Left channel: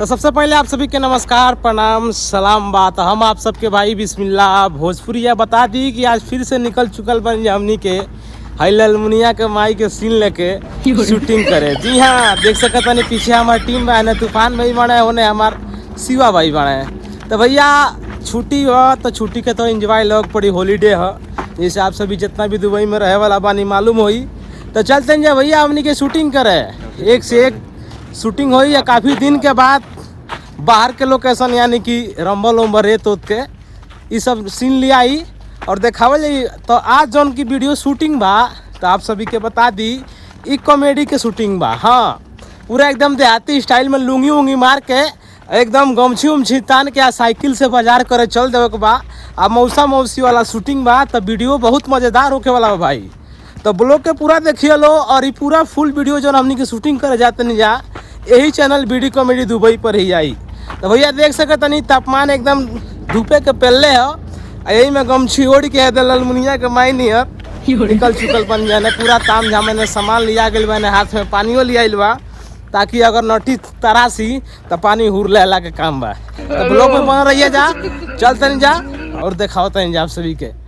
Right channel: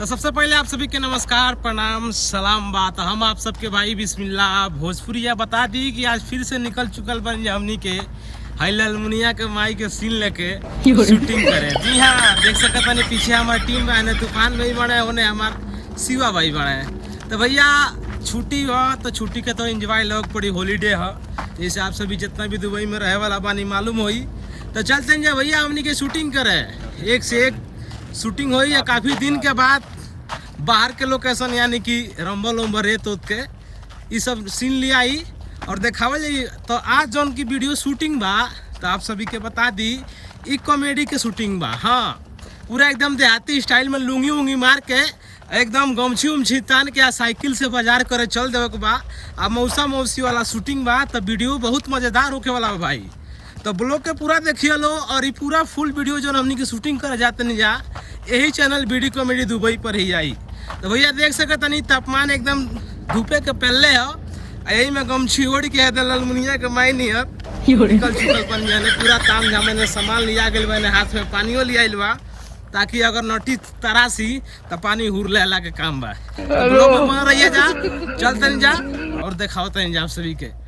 तो सबसे पहले आप सभी के नमस्कार, प्रणाम, सलाम बात। हम आप सबके भाई बिस्मिल्लाह भोजपुरिया बता दी कि आज फिर से निकल चुकल बन हमनी के हाइलल मुनिया के माई के सीन लेके शूटिंग करे। जी हाँ, देख सकता नहीं पीछे हमारी टीम बने, तूफान भाई बने, होने हमार शिवा भाई बने। तो भैया छुट्टी हो तो छुट्टी के तो एंजॉय लोग पड़ी, हॉलीडे हो, जैसे आप सभी जितना भी दुबई में रहे वाला बानी मालूम होई। तो चलते हैं भैया हमनी के शूटिंग करे, एक से एक शूटिंग हुई है काफ़ी दिन के बाद। बाहर के लोकेशन यानी कि रंबल उम्बर रेत उत के ये सब सीन लिया आई और देखावल जाई। तो आज जौन की वीडियो शूटिंग बा तो आप सभी के बता दी ई कॉमेडी के शूटिंग बा। हाँ, पूरा एकदम देहाती स्टाइल में लुंगी उंगी मार के एकदम गमछी उमछी तान के साइकिल से बाजार करे चल देवे के बा। आ मौसा मौसी वाला शूटिंग बा तो वीडियो बहुत मज़ेदार होके वाला बा भाई। तो ब्लॉग के पूरा देखिए लो और ये पूरा फुल वीडियो जो हमनी के शूटिंग करे जाते नहीं जा यही चैनल बीडी कॉमेडी दुबई पर ही आई। तो भैया देख सकते नहीं तापमान एकदम धूपे के पहले हो, यही में गमछी ओढ़ के दलल मुनिया के माई नहीं है निकल चुकल बन जाने पूरा ताम झामे ने सामान लिया गया मैंने, हाथ में पानियो लिया बा ताकि अगर नटी तरासी तो पानी हुर लेला के काम बा। ब्लॉग में बन रही है जा, चलते नहीं जा और दिखाओ तनी जा आप सभी के।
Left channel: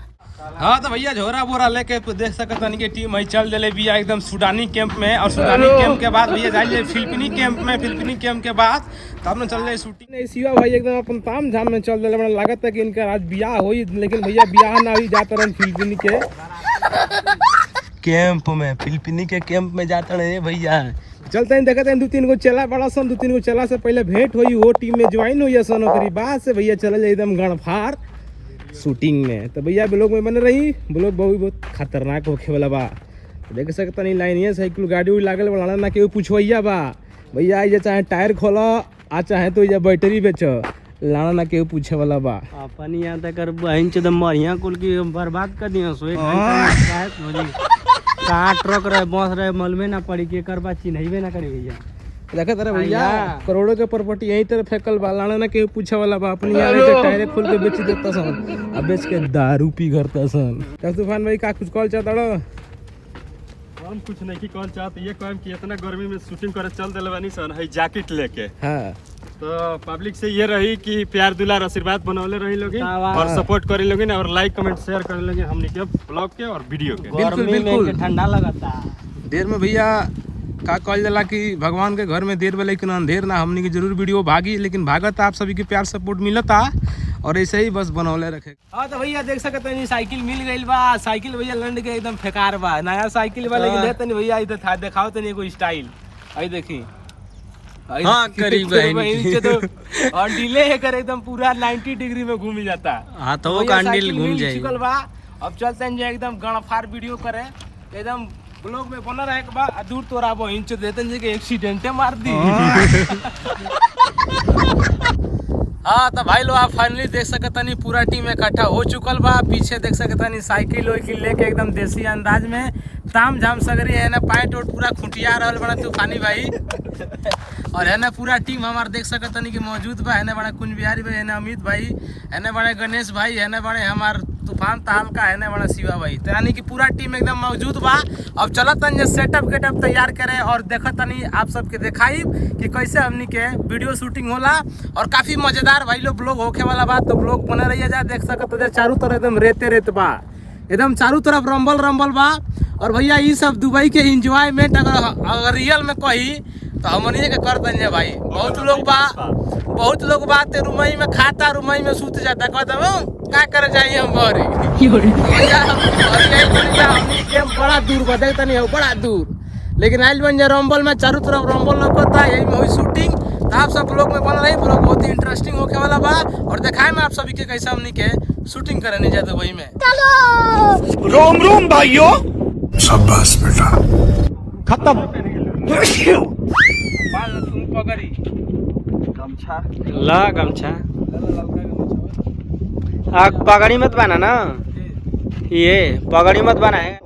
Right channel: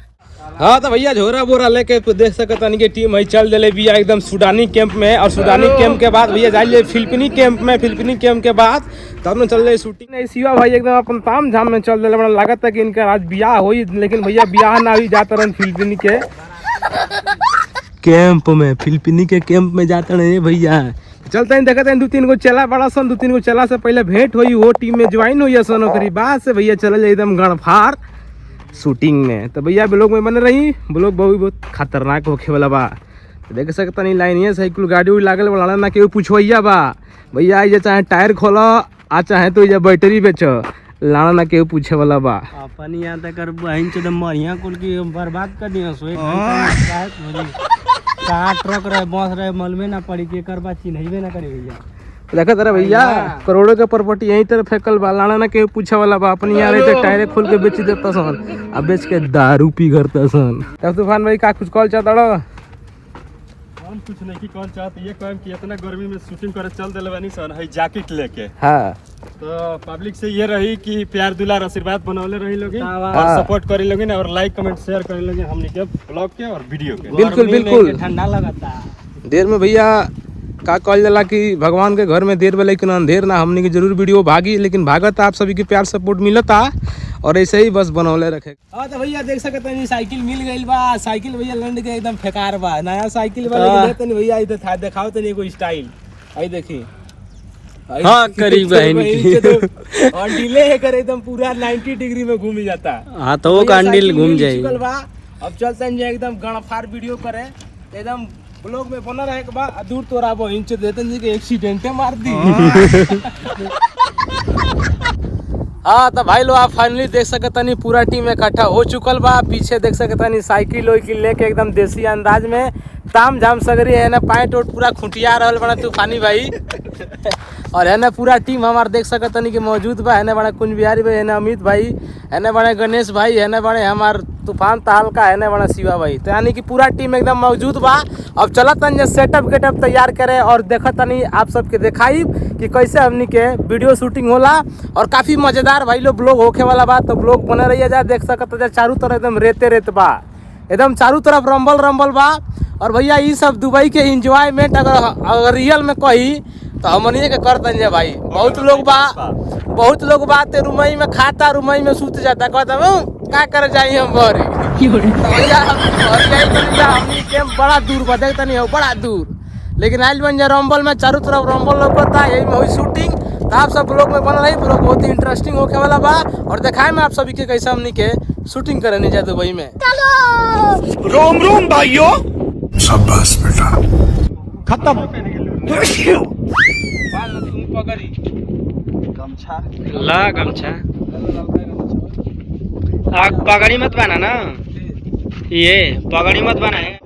हाँ तो भैया झोरा बोरा लेके देख सकता नहीं कि टीम है चल दिले भैया एकदम सुडानी कैंप में। और सुडानी कैंप के बाद भैया जाइए फिलिपीनी कैंप में, फिलिपीनी कैंप के बाद तब न चल रहे शूटिंग। नहीं शिवा भाई एकदम अपन ताम झाम में चल दिले, बड़ा लागत है कि इनका आज ब्याह हुई, लेकिन भैया ब्याह ना हुई, जाते रहे फिलिपीनी के कैंप में, फिलिपीनी के कैंप में जाते रहे भैया। चलते हैं देखते हैं दो तीन गो चला बड़ा सन, दो तीन गो चला से पहले भेंट हुई, वो टीम में ज्वाइन हुई सन, ओकरी बाद से भैया चले जाए एकदम गणफार शूटिंग में। तो भैया ब्लॉग में बने रही, ब्लॉग बहुत खतरनाक होखे वाला बा। तो देख सकता नहीं लाइन ये साइकिल गाड़ी उड़ी लागल वाला ना केहू पूछवैया बा भैया, ये चाहे टायर खोलो आ चाहे तो ये बैटरी बेचो, लाना ना केहू पूछे वाला बा। अपन यहाँ तक बहन से मरिया कुल की बर्बाद कर दिया सो कहाँ ट्रक रहे बस रहे मलबे ना पड़ी के कर बात चिन्हबे ना करे भैया। देखा तेरा भैया करोड़ों के प्रॉपर्टी यही तरह फेंकल बा, लाना ना केहू पूछे वाला बा। अपनी यार टायर खोल के बेच देता सन, अब बेच के दारू पी करता सन। तब तूफान भाई का कुछ कॉल चाहता रहो? हम कुछ नहीं की कॉल चाहते ये कहम कि इतना गर्मी में शूटिंग करे चल दिले बानी सन है जैकेट लेके। हाँ तो पब्लिक से ये रही कि प्यार दुलार आशीर्वाद बनौले रही लोग और सपोर्ट करी लोग और लाइक कमेंट शेयर करे लोग हमनी के ब्लॉग के और वीडियो के। बिल्कुल बिल्कुल ठंडा लगाता देर में भैया का कॉल जाला कि भगवान के घर में देर में लेकिन अंधेर ना, हमने की जरूर वीडियो भागी लेकिन भागत आप सभी के प्यार सपोर्ट मिलता और ऐसे ही बस बनौले रखे। हाँ तो भैया देख सकते हैं साइकिल मिल गई बा, साइकिल भैया लंड के एकदम फेकार बा, नया साइकिल बा लेकिन देते नहीं भैया इधर था दिखाओ तो नहीं कोई स्टाइल आई देखी। हाँ करीब और डिले है कर एकदम पूरा 90 डिग्री में घूम जाता। हाँ तो वो कैंडल घूम जाएगी। अब चलते हैं एकदम गणफार वीडियो करे एकदम ब्लॉग में बना रहे के बाद दूर तोरा वो इंच देते हैं कि एक्सीडेंट मार दी। हाँ तो भाई लोग आप फाइनली देख सकता नहीं पूरा टीम इकट्ठा हो चुकल बा। पीछे देख सकता नहीं साइकिल वाइकिल लेके एकदम देसी अंदाज में ताम झाम सगरी है ना, पैंट वोट पूरा खुटिया रहल बना तूफानी भाई और है ना पूरा टीम हमार देख सकता नहीं कि मौजूद बा। है ना बड़ा कुंज बिहारी भाई, है ना अमित भाई, है ना बड़े गणेश भाई, है ना बड़े हमार तूफान ताल का, है ना बड़ा शिवा भाई। तो यानी कि पूरा टीम एकदम मौजूद बा। अब चलत तन सेटअप गेटअप तैयार करे और देखत तनी आप सबके दिखाई कि कैसे हमनी के वीडियो शूटिंग होला और काफी मजेदार भाई लोग ब्लॉग होके वाला बा। तो ब्लॉग बने रहिए जा, देख सकते चारों तरफ एकदम रेते रेत बा, एकदम चारों तरफ रंबल रंबल बा। और भैया ये सब दुबई के इंजॉयमेंट अगर रियल में कही तो हमनिए के करते हैं भाई। बहुत लोग बा ते रुमई में खाता, रुमई में सूत जाता, कहता का करे जाइए हम घरे बड़ा दूर बा, देखता नहीं हो बड़ा दूर, लेकिन आइल बन जा रंबल में चारों तरफ रंबल लगता, यही में हुई शूटिंग। तो आप सब ब्लॉग में बन रही, ब्लॉग बहुत ही इंटरेस्टिंग होके वाला बा और दिखाए में आप सभी के कैसे हमनी के शूटिंग करे नहीं जाए दुबई में। रोम रोम भाइयों, शाबाश बेटा, खत्म। ला गमछा पगड़ी मत बना ना, ये पगड़ी मत बना है।